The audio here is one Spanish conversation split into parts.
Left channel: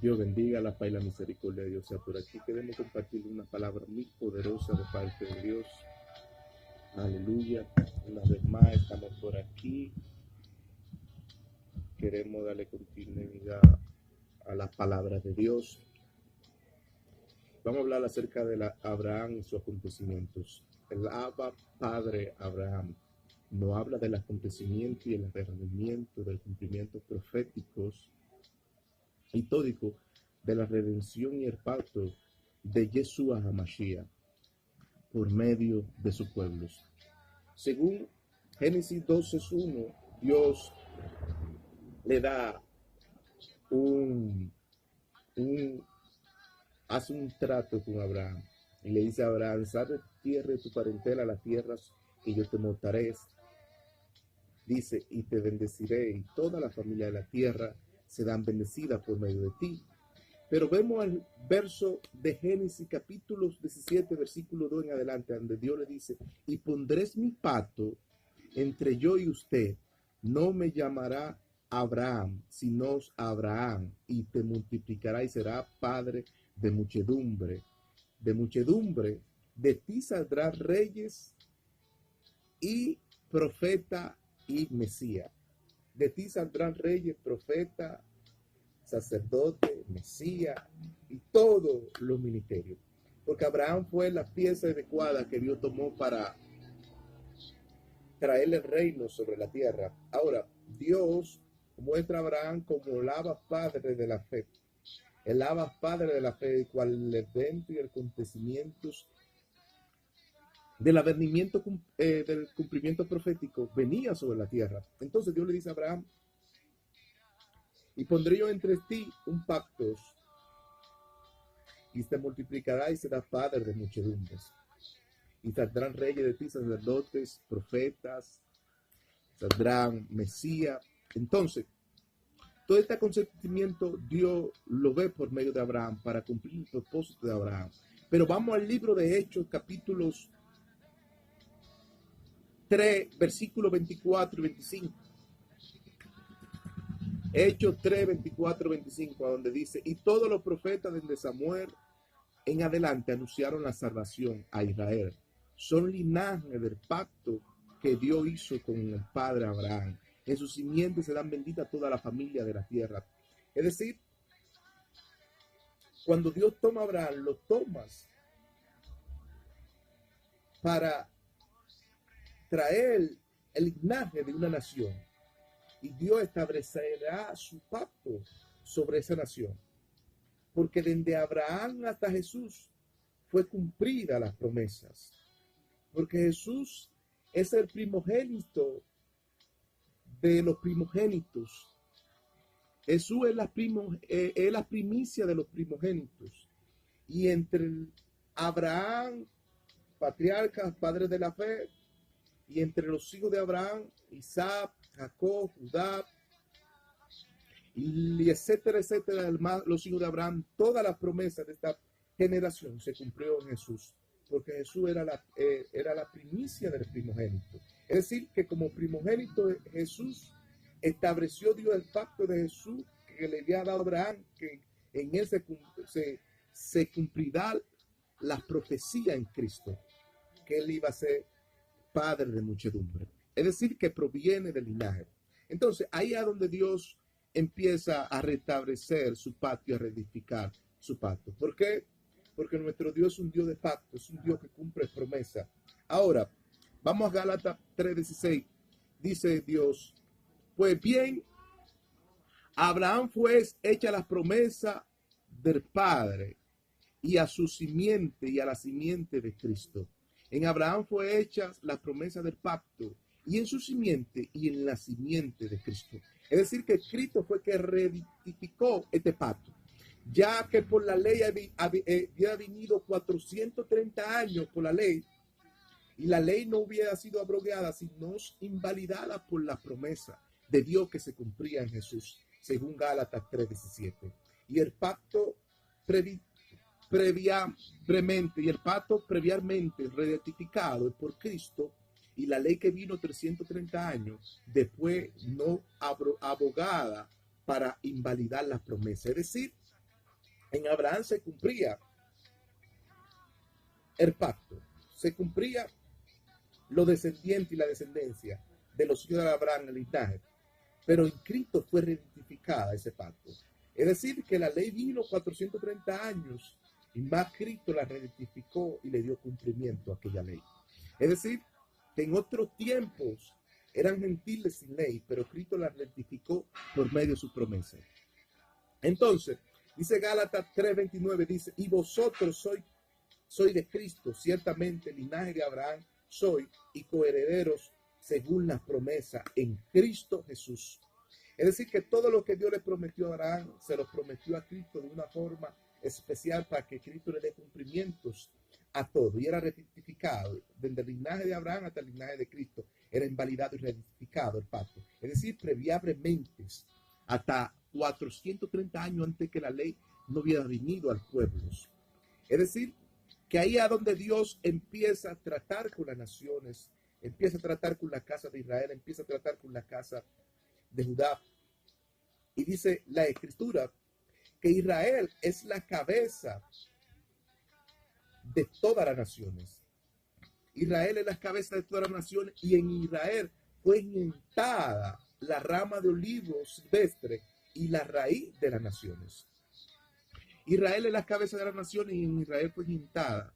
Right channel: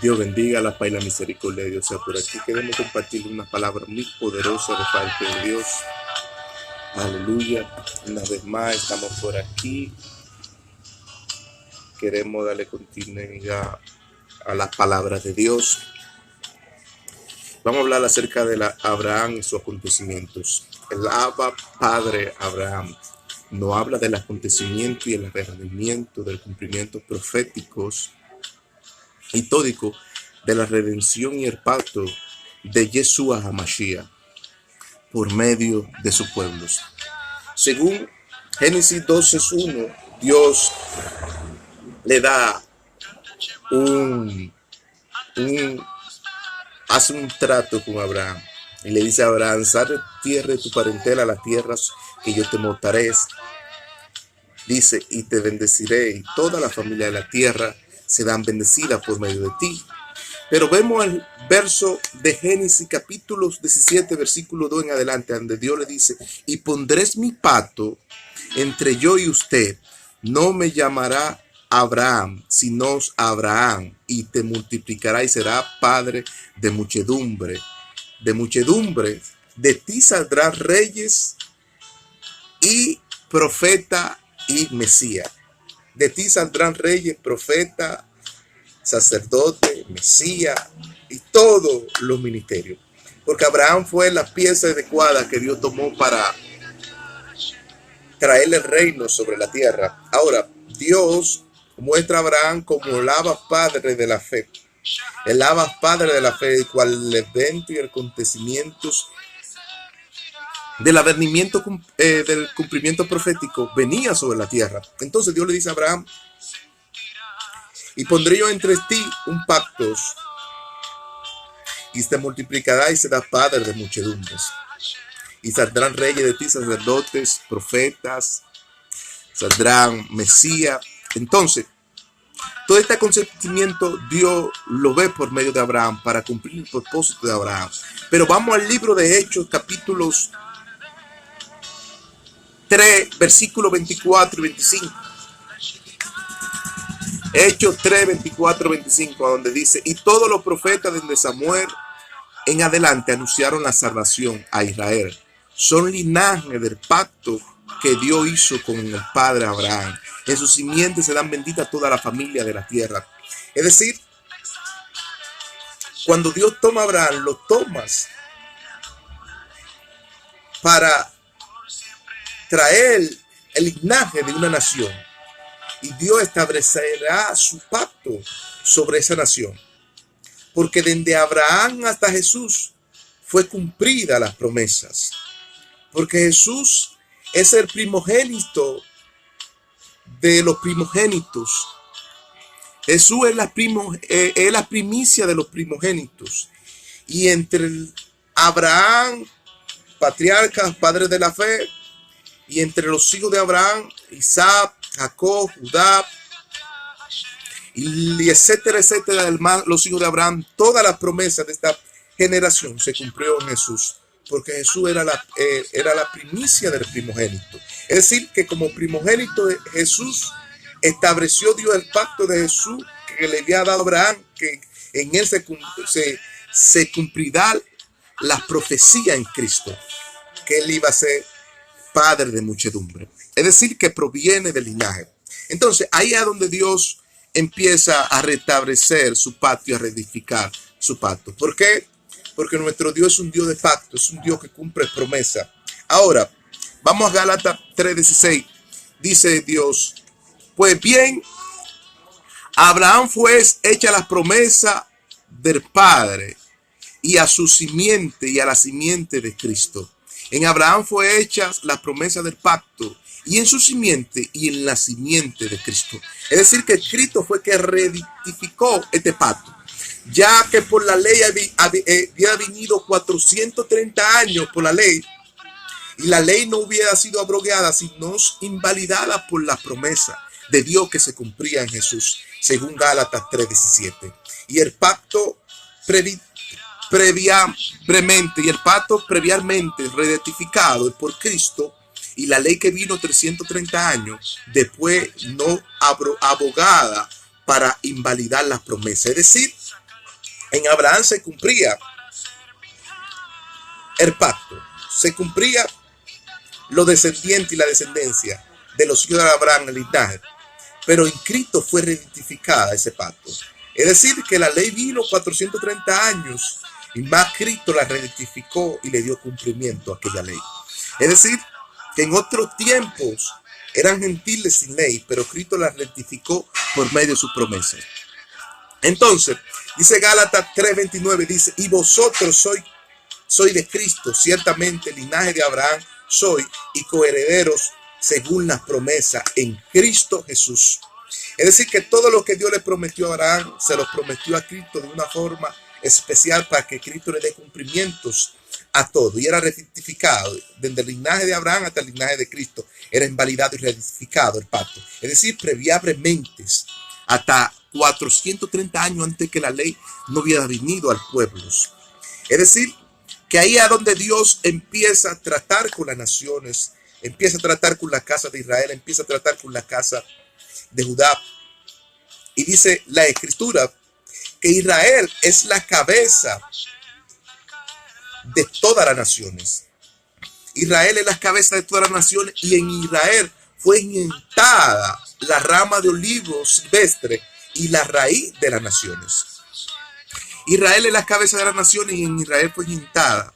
Dios bendiga la paz y la misericordia de Dios sea por aquí. Queremos compartir una palabra muy poderosa de parte de Dios. Aleluya. Una vez más estamos por aquí. Queremos darle continuidad a las palabras de Dios. Vamos a hablar acerca de Abraham y sus acontecimientos. El Abba Padre Abraham no habla del acontecimiento y el arrebatamiento, del cumplimiento proféticos histórico de la redención y el pacto de Yeshua HaMashiach por medio de sus pueblos. Según Génesis 12:1, Dios le da hace un trato con Abraham y le dice a Abraham: sal de tierra de tu parentela a las tierras que yo te mostraré. Dice: y te bendeciré, y toda la familia de la tierra serán bendecidas por medio de ti. Pero vemos el verso de Génesis capítulo 17, versículo 2 en adelante, donde Dios le dice: y pondré mi pacto entre yo y usted, no me llamará Abraham, sino Abraham, y te multiplicará y será padre de muchedumbre. De ti saldrán reyes y profeta y Mesías. De ti saldrán reyes, profeta, sacerdote, Mesías y todos los ministerios. Porque Abraham fue la pieza adecuada que Dios tomó para traerle el reino sobre la tierra. Ahora, Dios muestra a Abraham como el Abba Padre de la fe. El Abba Padre de la fe, el cual el evento y el acontecimiento del advenimiento del cumplimiento profético venía sobre la tierra. Entonces Dios le dice a Abraham: y pondré yo entre ti un pacto, y te multiplicará y serás padre de muchedumbres. Y saldrán reyes de ti, sacerdotes, profetas, saldrán Mesías. Entonces, todo este acontecimiento Dios lo ve por medio de Abraham para cumplir el propósito de Abraham. Pero vamos al libro de Hechos, capítulos 3, versículos 24 y 25. Hechos 3, 24, 25, donde dice: y todos los profetas desde Samuel en adelante anunciaron la salvación a Israel. Son linaje del pacto que Dios hizo con el padre Abraham. En sus simientes serán benditas toda la familia de la tierra. Es decir, cuando Dios toma a Abraham, lo tomas para traer el linaje de una nación. Y Dios establecerá su pacto sobre esa nación. Porque desde Abraham hasta Jesús fue cumplida las promesas. Porque Jesús es el primogénito de los primogénitos. Jesús es la primicia de los primogénitos. Y entre Abraham, patriarcas, padres de la fe, y entre los hijos de Abraham, Isaac, Jacob, Judá, y etcétera, etcétera, los hijos de Abraham, todas las promesas de esta generación se cumplió en Jesús, porque Jesús era la primicia del primogénito. Es decir, que como primogénito de Jesús estableció Dios el pacto de Jesús que le había dado a Abraham, que en él se cumplirá la profecía en Cristo, que él iba a ser padre de muchedumbre. Es decir, que proviene del linaje. Entonces, ahí es donde Dios empieza a restablecer su pacto y a reedificar su pacto. ¿Por qué? Porque nuestro Dios es un Dios de pacto, es un Dios que cumple promesa. Ahora, vamos a Gálatas 3:16. Dice Dios: pues bien, a Abraham fue hecha la promesa del Padre, y a su simiente y a la simiente de Cristo. En Abraham fue hecha la promesa del pacto, y en su simiente y en la simiente de Cristo. Es decir, que Cristo fue que reedificó este pacto, ya que por la ley había venido 430 años por la ley, y la ley no hubiera sido abrogada, sino invalidada por la promesa de Dios que se cumplía en Jesús, según Gálatas 3:17. Y el pacto previamente rectificado por Cristo, y la ley que vino 330 años después, no abogada para invalidar las promesas. Es decir, En Abraham se cumplía el pacto, se cumplía los descendientes y la descendencia de los hijos de Abraham, el linaje. Pero en Cristo fue reidentificada ese pacto. Es decir, que la ley vino 430 años y más Cristo la reidentificó y le dio cumplimiento a aquella ley. Es decir, que en otros tiempos eran gentiles sin ley, pero Cristo la rectificó por medio de sus promesas. Entonces, dice Gálatas 3:29, dice, y vosotros sois de Cristo, ciertamente linaje de Abraham soy y coherederos según las promesas en Cristo Jesús. Es decir, que todo lo que Dios le prometió a Abraham, se lo prometió a Cristo de una forma especial para que Cristo le dé cumplimientos a todo. Y era rectificado desde el linaje de Abraham hasta el linaje de Cristo. Era invalidado y rectificado el pacto. Es decir, previamente, hasta 430 años antes que la ley no hubiera venido al pueblo. Es decir, que ahí es donde Dios empieza a tratar con las naciones, empieza a tratar con la casa de Israel, empieza a tratar con la casa de Judá. Y dice la Escritura que Israel es la cabeza de todas las naciones. Israel es la cabeza de todas las naciones y en Israel fue injertada la rama de olivo silvestre y la raíz de las naciones. Israel es la cabeza de las naciones y en Israel fue injertada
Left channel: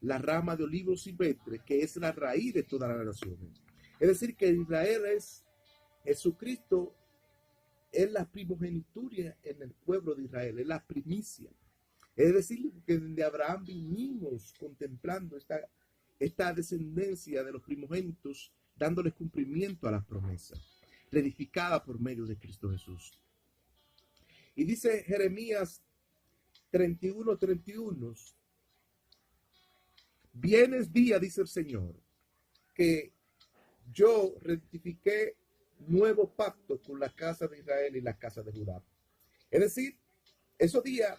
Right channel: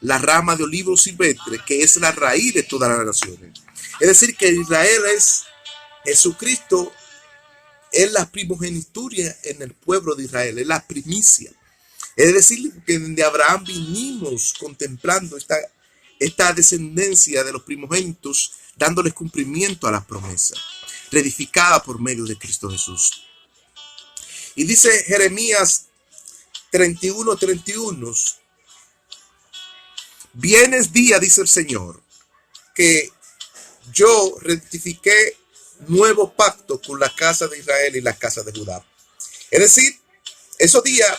la rama de olivo silvestre, que es la raíz de todas las naciones. Es decir, que Israel es Jesucristo, es la primogenitura en el pueblo de Israel, es la primicia. Es decir, que de Abraham vinimos contemplando esta descendencia de los primogénitos, dándoles cumplimiento a las promesas, reedificada por medio de Cristo Jesús. Y dice Jeremías 31:31, vienes día, dice el Señor, que yo rectifiqué nuevo pacto con la casa de Israel y la casa de Judá. Es decir, esos días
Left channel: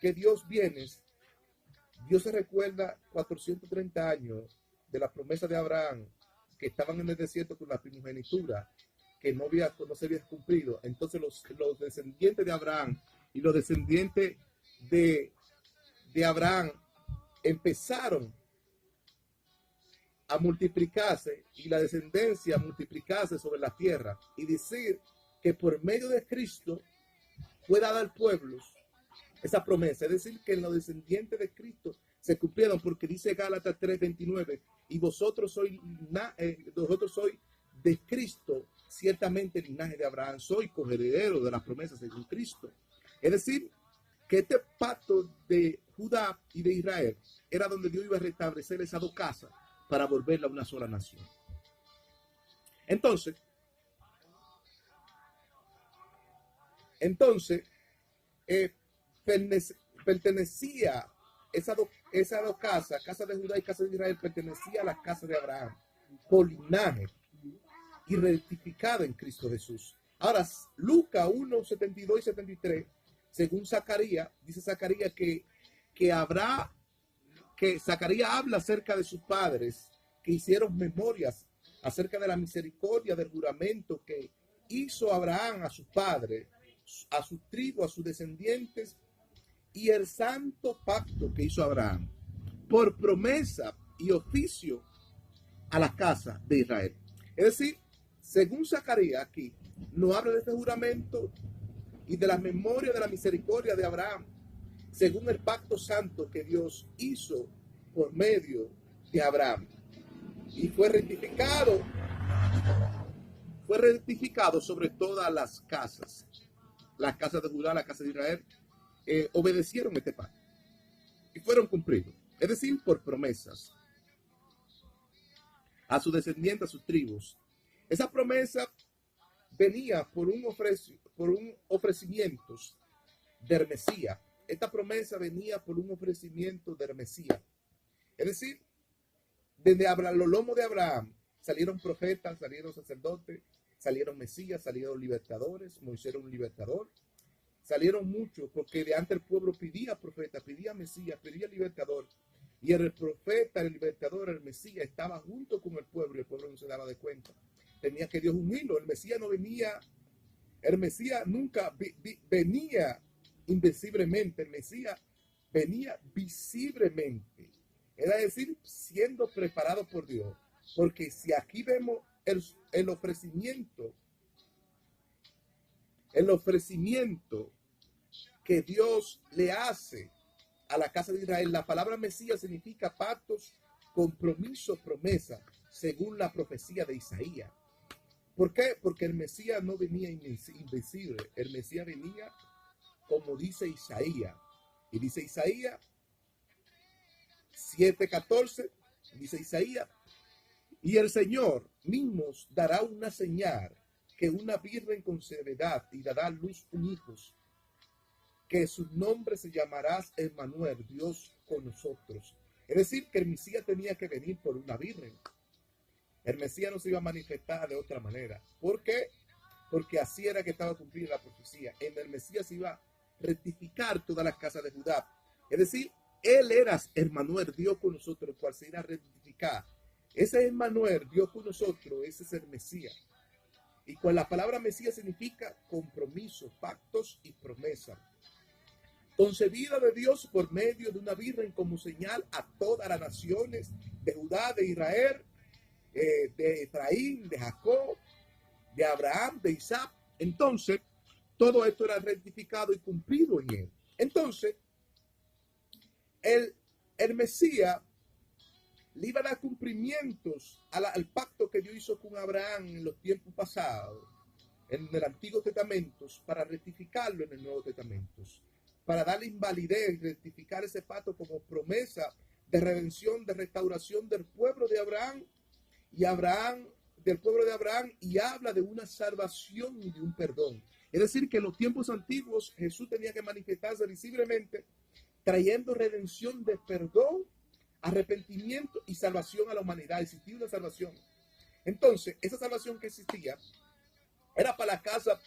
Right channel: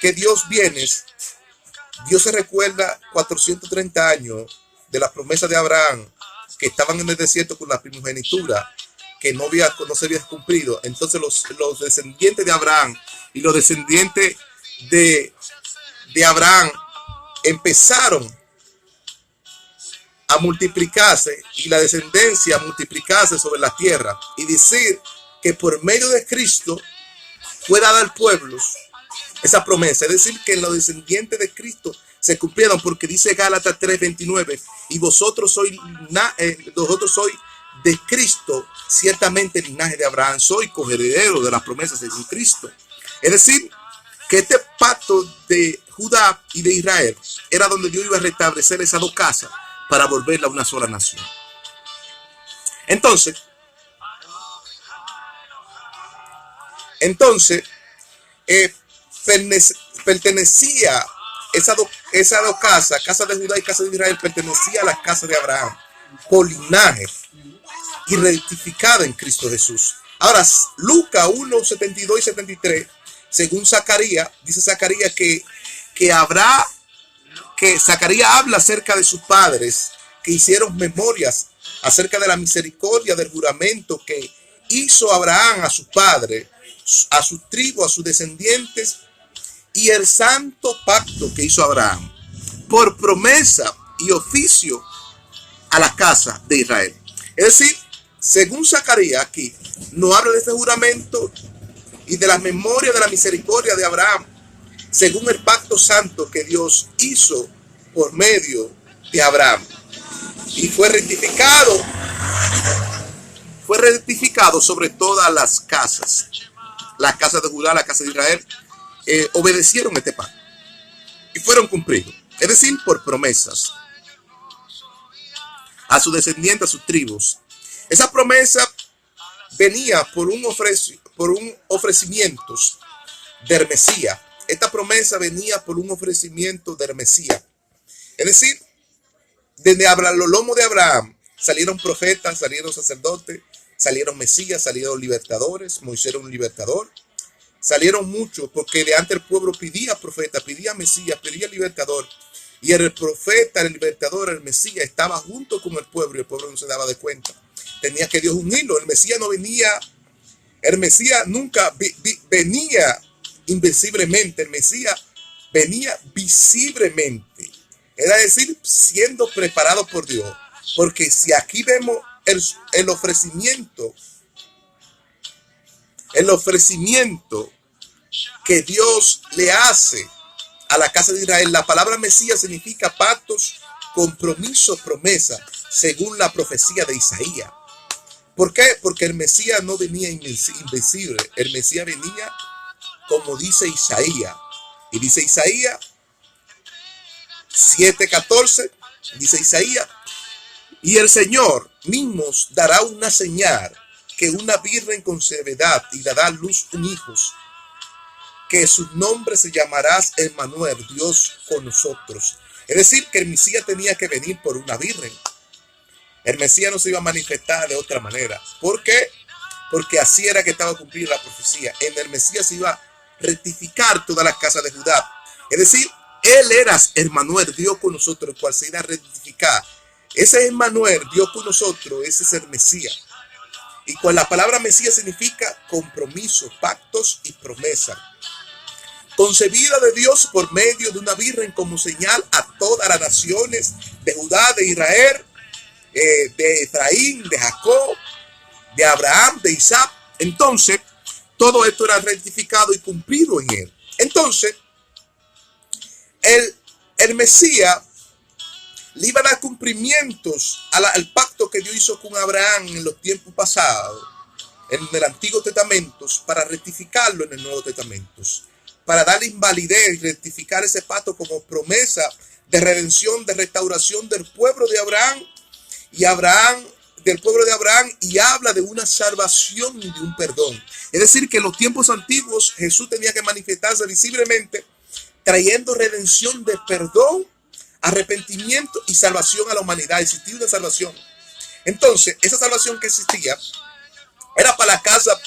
que Dios viene, Dios se recuerda 430 años de la promesa de Abraham, que estaban en el desierto con la primogenitura, que no se había cumplido. Entonces los descendientes de Abraham y los descendientes de Abraham empezaron a multiplicarse y la descendencia a multiplicarse sobre la tierra, y decir que por medio de Cristo fue dada al pueblo esa promesa. Es decir, que en los descendientes de Cristo se cumplieron, porque dice Gálatas 3:29, y vosotros sois de Cristo, ciertamente el linaje de Abraham soy, coheredero de las promesas de Cristo. Es decir, que este pacto de Judá y de Israel era donde Dios iba a restablecer esas dos casas para volverla a una sola nación. Entonces, pertenecía esas dos casas, casa de Judá y casa de Israel, pertenecía a la casa de Abraham por linaje y rectificada en Cristo Jesús. Ahora, Lucas 1:72 y 73, según Zacarías, dice Zacarías que Zacarías habla acerca de sus padres que hicieron memorias acerca de la misericordia del juramento que hizo Abraham a sus padres, a sus tribus, a sus descendientes, y el santo pacto que hizo Abraham por promesa y oficio a la casa de Israel. Es decir, según Zacarías aquí, no habla de este juramento y de la memoria de la misericordia de Abraham, según el pacto santo que Dios hizo por medio de Abraham. Y fue rectificado sobre todas las casas. Las casas de Judá, la casa de Israel, obedecieron este pacto y fueron cumplidos. Es decir, por promesas a sus descendientes, a sus tribus. Esa promesa venía por un ofrecimiento del Mesías. Esta promesa venía por un ofrecimiento del Mesías. Es decir, desde los lomos de Abraham salieron profetas, salieron sacerdotes, salieron Mesías, salieron libertadores. Moisés era un libertador. Salieron muchos, porque de antes el pueblo pedía profeta, pedía Mesías, pedía libertador. Y el profeta, el libertador, el Mesías estaba junto con el pueblo y el pueblo no se daba de cuenta. Tenía que Dios unirlo. El Mesías no venía, el Mesías nunca venía invisiblemente. El Mesías venía visiblemente. Era decir, siendo preparado por Dios. Porque si aquí vemos el ofrecimiento que Dios le hace a la casa de Israel, la palabra Mesías significa pactos, compromisos, promesas, según la profecía de Isaías. ¿Por qué? Porque el Mesías no venía invisible, el Mesías venía como dice Isaías. Y dice Isaías 7:14, dice Isaías, y el Señor mismo dará una señal, que una virgen concebirá y dará a luz un hijo, que su nombre se llamará Emmanuel, Dios con nosotros. Es decir, que el Mesías tenía que venir por una virgen. El Mesías no se iba a manifestar de otra manera. ¿Por qué? Porque así era que estaba cumplida la profecía. En el Mesías se iba a rectificar todas las casas de Judá. Es decir, él era Emmanuel, Dios con nosotros, el cual se iba a rectificar. Ese Emmanuel, Dios con nosotros, ese es el Mesías. Y con la palabra Mesías significa compromiso, pactos y promesas. Concebida de Dios por medio de una virgen como señal a todas las naciones de Judá, de Israel, de Efraín, de Jacob, de Abraham, de Isaac. Entonces, todo esto era rectificado y cumplido en él. Entonces, el Mesías le iba a dar cumplimientos al pacto que Dios hizo con Abraham en los tiempos pasados, en el Antiguo Testamento, para rectificarlo en el Nuevo Testamento, para darle invalidez y rectificar ese pacto como promesa de redención, de restauración del pueblo de Abraham del pueblo de Abraham, y habla de una salvación y de un perdón. Es decir, que en los tiempos antiguos Jesús tenía que manifestarse visiblemente, trayendo redención de perdón, arrepentimiento y salvación a la humanidad. Existía una salvación. Entonces, esa salvación que existía era para la casa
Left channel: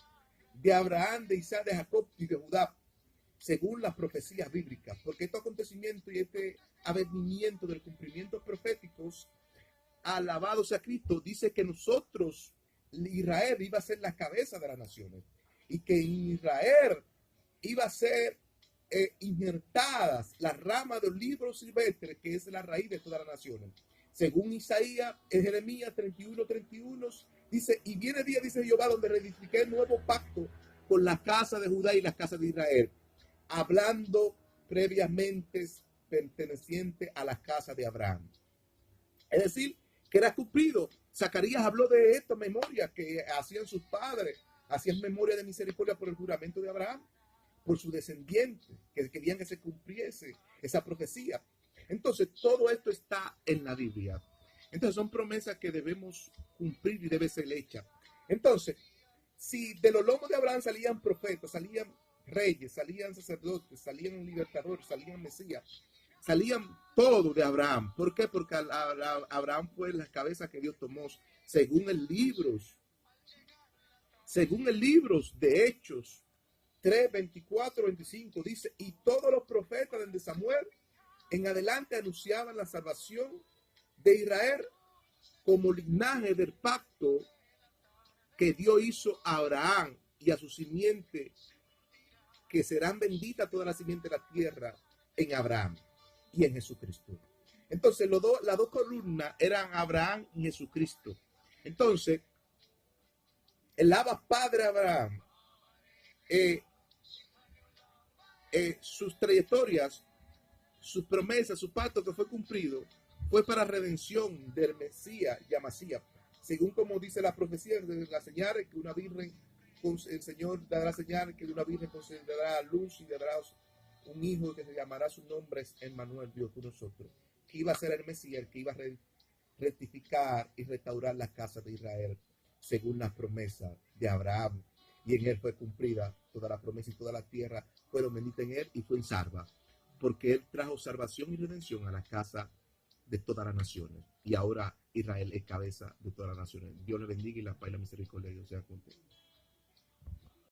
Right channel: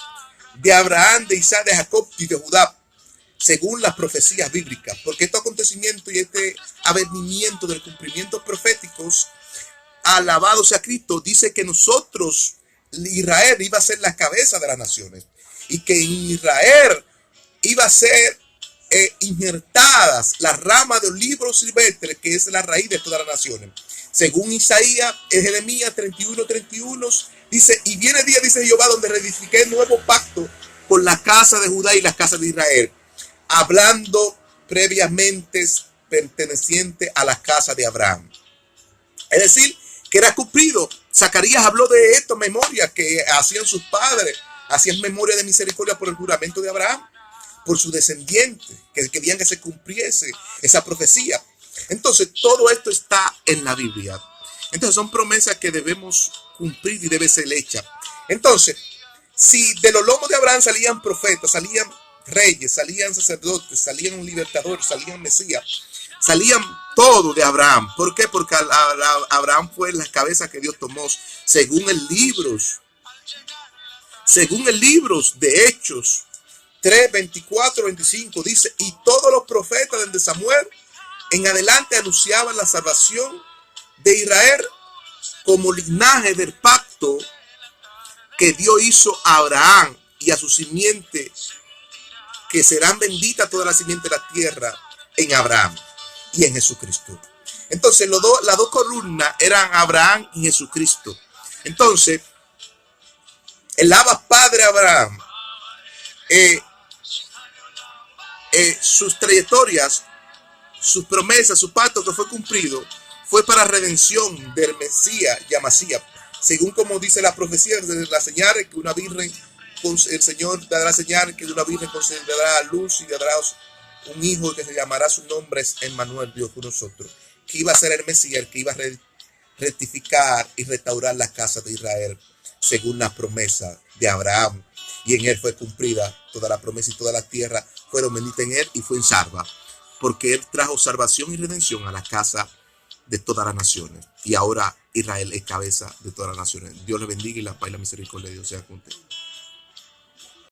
de Abraham, de Isaac, de Jacob y de Judá, según las profecías bíblicas. Porque estos acontecimientos y este avenimiento del cumplimiento proféticos, alabado sea Cristo, dice que nosotros, Israel, iba a ser la cabeza de las naciones, y que en Israel iba a ser injertadas las ramas de olivo silvestre, que es la raíz de todas las naciones. Según Isaías, en Jeremías 31:31, dice, y viene día, dice Jehová, donde reedifiqué el nuevo pacto con la casa de Judá y la casa de Israel, hablando previamente perteneciente a la casa de Abraham. Es decir, que era cumplido. Zacarías habló de esto, memoria que hacían sus padres, hacían memoria de misericordia por el juramento de Abraham, por sus descendientes, que querían que se cumpliese esa profecía. Entonces, todo esto está en la Biblia. Entonces, son promesas que debemos cumplir y debe ser hechas. Entonces, si de los lomos de Abraham salían profetas, salían reyes, salían sacerdotes, salían libertadores, salían mesías, salían todo de Abraham. ¿Por qué? Porque Abraham fue la cabeza que Dios tomó, según el libro de Hechos 3, 24, 25, dice, y todos los profetas desde Samuel en adelante anunciaban la salvación de Israel como linaje del pacto que Dios hizo a Abraham y a su simiente, que serán benditas todas las simientes de la tierra en Abraham y en Jesucristo. Entonces, las dos columnas eran Abraham y Jesucristo. Entonces, el Abba Padre Abraham, sus trayectorias, sus promesas, su pacto que fue cumplido, fue para redención del Mesías y Amasías, según como dice la profecía de la señal que una virgen, el Señor dará señal que una virgen concederá luz y dará un hijo que se llamará, su nombre es Emmanuel, Dios con nosotros, que iba a ser el Mesías, el que iba a rectificar y restaurar la casa de Israel, según la promesa de Abraham, y en él fue cumplida toda la promesa, y toda la tierra fueron benditas en él y fue en salva, porque él trajo salvación y redención a la casa de todas las naciones, y ahora Israel es cabeza de todas las naciones. Dios le bendiga, y la paz y la misericordia de Dios sea con usted.